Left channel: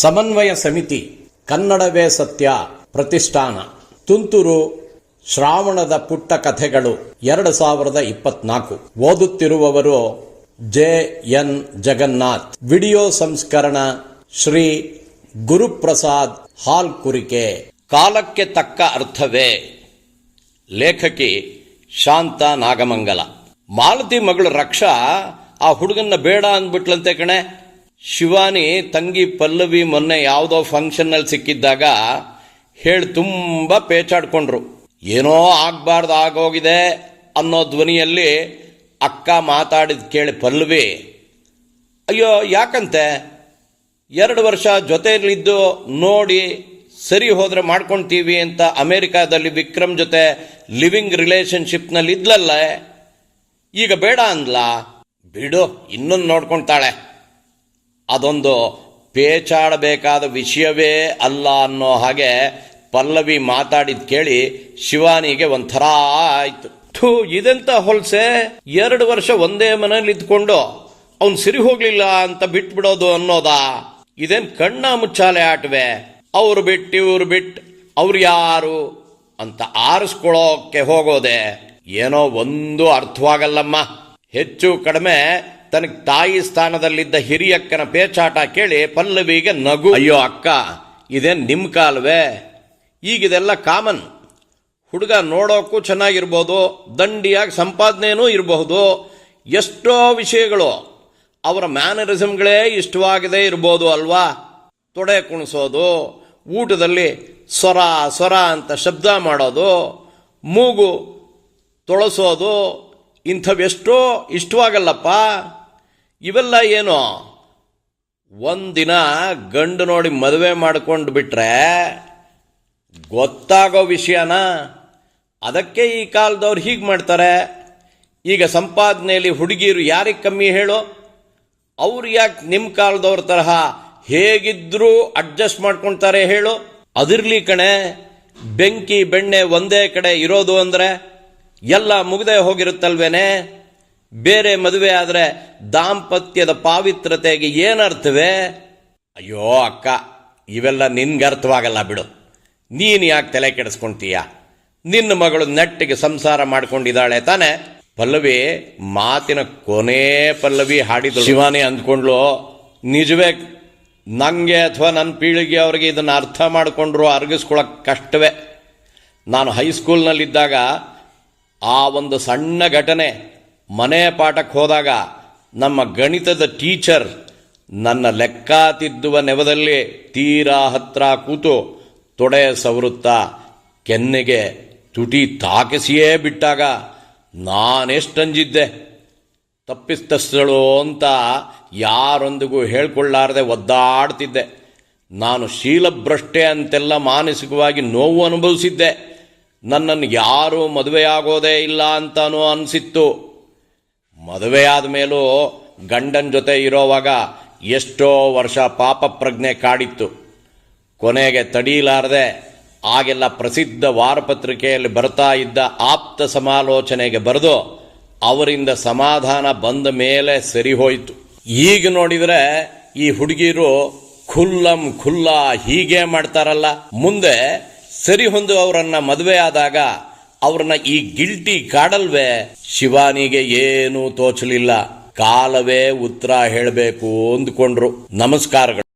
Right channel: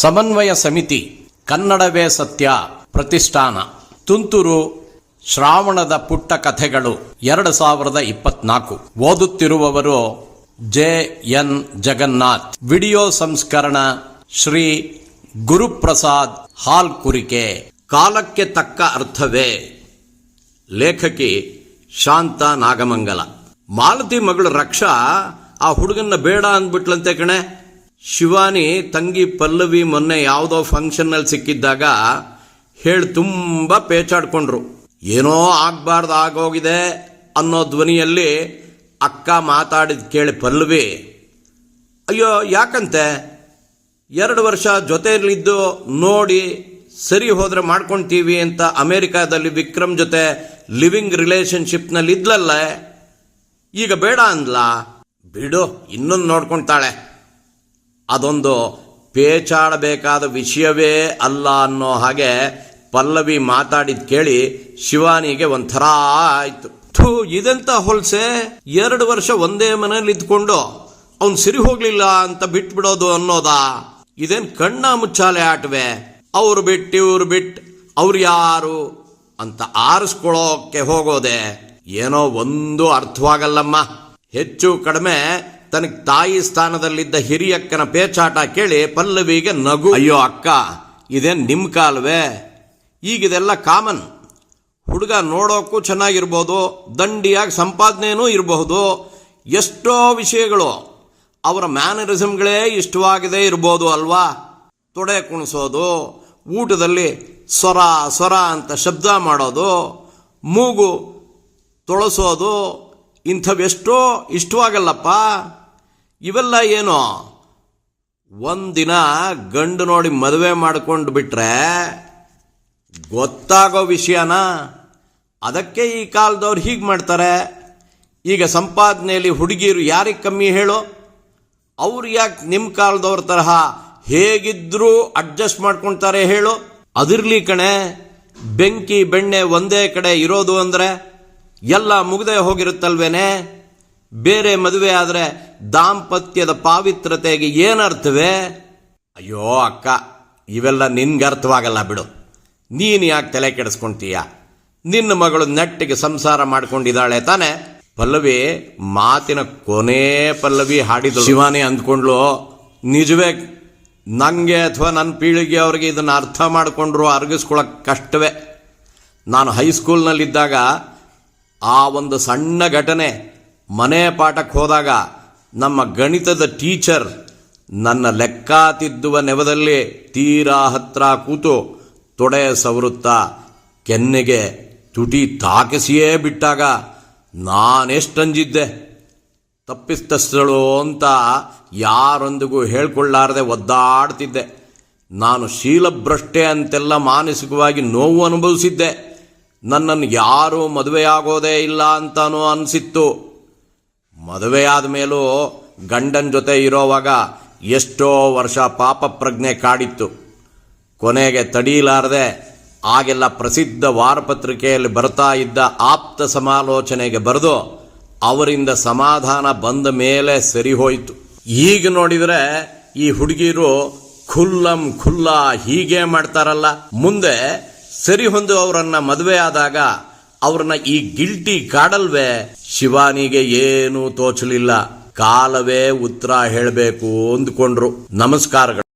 ಸಮನ್ವಯ ಸಮಿತಿ ಕನ್ನಡವೇ ಸತ್ಯ ಪ್ರತಿಷ್ಠಾನ. ತುಂತುರು ಶ್ರಾವಣದ ಪುಟ್ಟ ಕಥೆಗಳು ಎರಡು ಸಾವಿರದ ಇಪ್ಪತ್ನಾಲ್ಕು. ಓದುತ್ತಿರುವವರು ಜೆ ಎನ್ ಜಗನ್ನಾಥ್. ವಿಡಿಯೋ ಸಂಸ್ಕರಣ ಶ್ರೀ ಗುರುಪ್ರಸಾದ್ ಹಾಲ್ ಕುರಿಕೆ ಕಾಲಕ್ಕೆ ತಕ್ಕ ಅರ್ಥವೇ? ಲೇಖಕಿ ಶಾಂತ ನಾಗಮಂಗಲ. ಮಾಲತಿ ಮಗಳು ರಕ್ಷಾ, ಆ ಹುಡುಗನ್ನ ಬೇಡ ಅಂದ್ಬಿಟ್ಲಂತೆ ಕಣೆ. ಶಿವಾನಿ ತಂಗಿ ಪಲ್ಲವಿ ಮೊನ್ನೆ ಯಾವುದೋ ಫಂಕ್ಷನ್ನಲ್ಲಿ ಸಿಕ್ಕಿದ್ದಾಗ ಹೇಳಿ ತುಂಬ ಪೇಚಾಡ್ಕೊಂಡ್ರು. ಏನೋ ಆಗಬಾರ್ದು ಆಗೋಗಿದೆ ಅನ್ನೋ ಧ್ವನಿಯಲ್ಲಿ ಅಕ್ಕ ಮಾತಾಡಿದ ಕೇಳಿ ಪಲ್ಲವಿ, ಅಯ್ಯೋ, ಯಾಕಂತೆ? ಎರಡು ವರ್ಷ ಜೊತೆಯಲ್ಲಿದ್ದು ನೋಡಿ ಸರಿ ಹೋದರೆ ಮಾಡ್ಕೊಳ್ತೀವಿ ಅಂತ ಅಮೆರಿಕಾದಲ್ಲಿ ವಿಕ್ರಮ್ ಜೊತೆ ಲಿವಿಂಗ್ ರಿಲೇಶನ್ಶಿಪ್ನಲ್ಲಿ ಇದ್ಲಲ್ಲ? ಈಗ ಬೇಡ ಅಂದ್ಲಾ? ಬಿಡು, ಇನ್ನೊಂದು ನೋಡ್ಕೊಳ್ತಾಳೆ ಅದೊಂದು ಪೇಚಾಡಬೇಕಾದ ವಿಷಯವೇ ಅಲ್ಲ ಅನ್ನೋ ಹಾಗೆ ಪಲ್ಲವಿ ಮಾತಾಡಿದ ಕೇಳಿ ಶಿವಾನಿಗೆ ಒಂಥರ ಆಯಿತು. ಥೂ, ಇದೆಂತ ಹೊಲ್ಸೆ? ಎರಡು ವರ್ಷ ಒಂದೇ ಮನೇಲಿ ಇದ್ಕೊಂಡು ಅವನು ಸಿರಿ ಹೋಗ್ಲಿಲ್ಲ ಅಂತ ಬಿಟ್ಬಿಡೋದು ಅನ್ನೋದಾ? ಇದೇನ್ ಕಣ್ಣ ಮುಚ್ಚಾಲೆ ಆಟವೆ? ಅವ್ರು ಬಿಟ್ಟು ಇವ್ರು ಬಿಟ್ಟು ಅವ್ರು ಯಾರು ಅಂತ ಆರಿಸ್ಕೊಳ್ಳೋಕೆ ಹೋಗೋದೆ? ಏನೋ ಒಂದು ಅರ್ಥವಾಗಲ್ಲಮ್ಮ. ಹೆಚ್ಚು ಕಡಿಮೆ ತನಗೆ ತಾಯಿ ಸ್ಥಾನದಲ್ಲಿದ್ದ ಹಿರಿಯಕ್ಕನ ಪೇಚಾಟ ಕೇಳಿ ಪಲ್ಲವಿಗೆ ನಗು. ಅಯ್ಯೋ ಅಕ್ಕ, ಇದೇನು ನಿಮ್ಮ ಕಾಲವೇ? ಈಗಿದೆಲ್ಲ ಕಾಮನ್. ಹುಡುಗ ನೋಡೋಕ್ಕೂ ಚೆನ್ನಾಗಿರ್ಬೋದು, ದಂಡಿಯಾಗಿ ಸಂಪಾದನೆಯೂ ಇರಬಹುದು, ಎಷ್ಟೋ ವಿಷಯಗಳು ಅವರ ಮ್ಯಾನರಿಸಮ್ಗಳೇ ಇಷ್ಟವಾಗದೇ ಇರ್ಬೋದು ಅಲ್ವಾ? ತೊಡೆ ಕುಣಿಸೋದು, ಊಟದಲ್ಲಿ ಸ್ವರ ಸ್ವರ ಅಂತ ಶಬ್ದ ಮಾಡೋದು, ಮೂಗು ತೊಳಸೋದು, ಇಂಥವೆಷ್ಟೋ ಇಷ್ಟವಾಗಲ್ಲಪ್ಪ. ಇವೆಲ್ಲ ಏನು? ಒಂದಿನ ಗಂಡು ನೋಡಿ ಮದುವೆ ಮಾಡ್ಕೊಂಡು ಬಿಟ್ರೆ ಗೊತ್ತಾಗೋ ವಿಷಯನ? ಅದಕ್ಕೆ ಈ ಕಾಲದವ್ರು ಹೀಗೆ ಮಾಡ್ತಾರೆ. ಈಗ ಸಂಪಾದನೆಯಲ್ಲಿ ಹುಡುಗಿಯರು ಯಾರಿಗೆ ಕಮ್ಮಿ ಹೇಳೋ? ಅವ್ರು ಯಾಕೆ ನಿಮ್ಮ ಕಾಲದವ್ರ ತರಹ ಹೇಗಿದ್ರೂ ಅಡ್ಜಸ್ಟ್ ಮಾಡ್ಕೊಳ್ತಾರೆ ಹೇಳು? ಅದಿರ್ಲಿ ಕಣೆ, ಬೆಂಕಿ ಬೆಣ್ಣೆ ಒಂದೇ ಕಡೆ ಇರೋದು ಅಂದರೆ ಎಲ್ಲ ಮುಗದೆ ಹೋಗಿರುತ್ತಲ್ವೇನೆ? ಬೇರೆ ಮದುವೆ ಆದರೆ ದಾಂಪತ್ಯದ ಪಾವಿತ್ರತೆಗೆ ಏನರ್ಥವೇ? ಅಯ್ಯೋ ಅಕ್ಕ, ಇವೆಲ್ಲ ನಿನ್ಗೆ ಅರ್ಥವಾಗಲ್ಲ ಬಿಡು. ನೀನು ಯಾಕೆ ತಲೆ ಕೆಡಿಸ್ಕೊಂತೀಯ? ನಿನ್ನ ಮಗಳು ನೆಟ್ಟಿಗೆ ಸಂಸಾರ ಮಾಡ್ಕೊಂಡಿದ್ದಾಳೆ ತಾನೆ. ಪಲ್ಲವಿ, ಮಾತಿನ ಕೊನೆ ಪಲ್ಲವಿ ಹಾಡಿದಳು. ಶಿವಾನಿ ಅಂದ್ಕೊಂಡ್ಲು ನಿಜವೇ ನನಗೆ ಅಥವಾ ನನ್ನ ಪೀಳಿಗೆ ಅವ್ರಿಗೆ ಇದನ್ನು ಅರ್ಥ ಮಾಡಿಕೊಂಡ್ರು ಅರ್ಗಿಸ್ಕೊಳ್ಳೋಕೆ ಕಷ್ಟವೇ. ನಾನು ಹೈಸ್ಕೂಲ್ನಲ್ಲಿದ್ದಾಗ ಆ ಒಂದು ಸಣ್ಣ ಘಟನೆ ಮನೆ ಪಾಠಕ್ಕೆ ಹೋದಾಗ ನಮ್ಮ ಗಣಿತದ ಟೀಚರ್ ನನ್ನ ಲೆಕ್ಕ ತಿದ್ದುವ ನೆವದಲ್ಲಿ ತೀರಾ ಹತ್ರ ಕೂತು ತೊಡೆ ಸವರುತ್ತಾ ಕೆನ್ನೆಗೆ ತುಟಿ ತಾಕಿಸಿಯೇ ಬಿಟ್ಟಾಗ ನಾನೆಷ್ಟಂಜಿದ್ದೆ. ತಪ್ಪಿಸ್ತಸ್ಥಳು ಅಂತ ಯಾರೊಂದಿಗೂ ಹೇಳ್ಕೊಳ್ಳಾರದೆ ಒದ್ದಾಡ್ತಿದ್ದೆ. ನಾನು ಶೀಲಭ್ರಷ್ಟೆ ಅಂತೆಲ್ಲ ಮಾನಸಿಕವಾಗಿ ನೋವು ಅನುಭವಿಸಿದ್ದೆ. ನನ್ನನ್ನು ಯಾರೂ ಮದುವೆಯಾಗೋದೇ ಇಲ್ಲ ಅಂತಾನೂ ಅನಿಸಿತ್ತು. ಮದುವೆಯಾದ ಆದಮೇಲೂ ಗಂಡನ ಜೊತೆ ಇರೋವಾಗ ಎಷ್ಟೋ ವರ್ಷ ಪಾಪ ಪ್ರಜ್ಞೆ ಕಾಡಿತ್ತು. ಕೊನೆಗೆ ತಡೀಲಾರದೆ ಆಗೆಲ್ಲ ಪ್ರಸಿದ್ಧ ವಾರಪತ್ರಿಕೆಯಲ್ಲಿ ಬರ್ತಾ ಇದ್ದ ಆಪ್ತ ಸಮಾಲೋಚನೆಗೆ ಬರೆದು ಅವರಿಂದ ಸಮಾಧಾನ ಬಂದ ಮೇಲೆ ಸರಿ ಹೋಯಿತು. ಈಗ ನೋಡಿದ್ರೆ ಈ ಹುಡುಗಿರು ಖುಲ್ಲಂ ಖುಲ್ಲ ಹೀಗೆ ಮಾಡ್ತಾರಲ್ಲ. ಮುಂದೆ ಸರಿ ಹೊಂದು ಅವರನ್ನು ಮದುವೆ ಆದಾಗ ಅವ್ರನ್ನ ಈ ಗಿಲ್ಟಿ ಕಾಡಲ್ವೇ? ಶಿವಾನಿಗೆ ಏನೂ ತೋಚಲಿಲ್ಲ. ಕಾಲವೇ ಉತ್ತರ ಹೇಳಬೇಕು ಅಂದ್ಕೊಂಡ್ರು. ನಮಸ್ಕಾರಗಳು.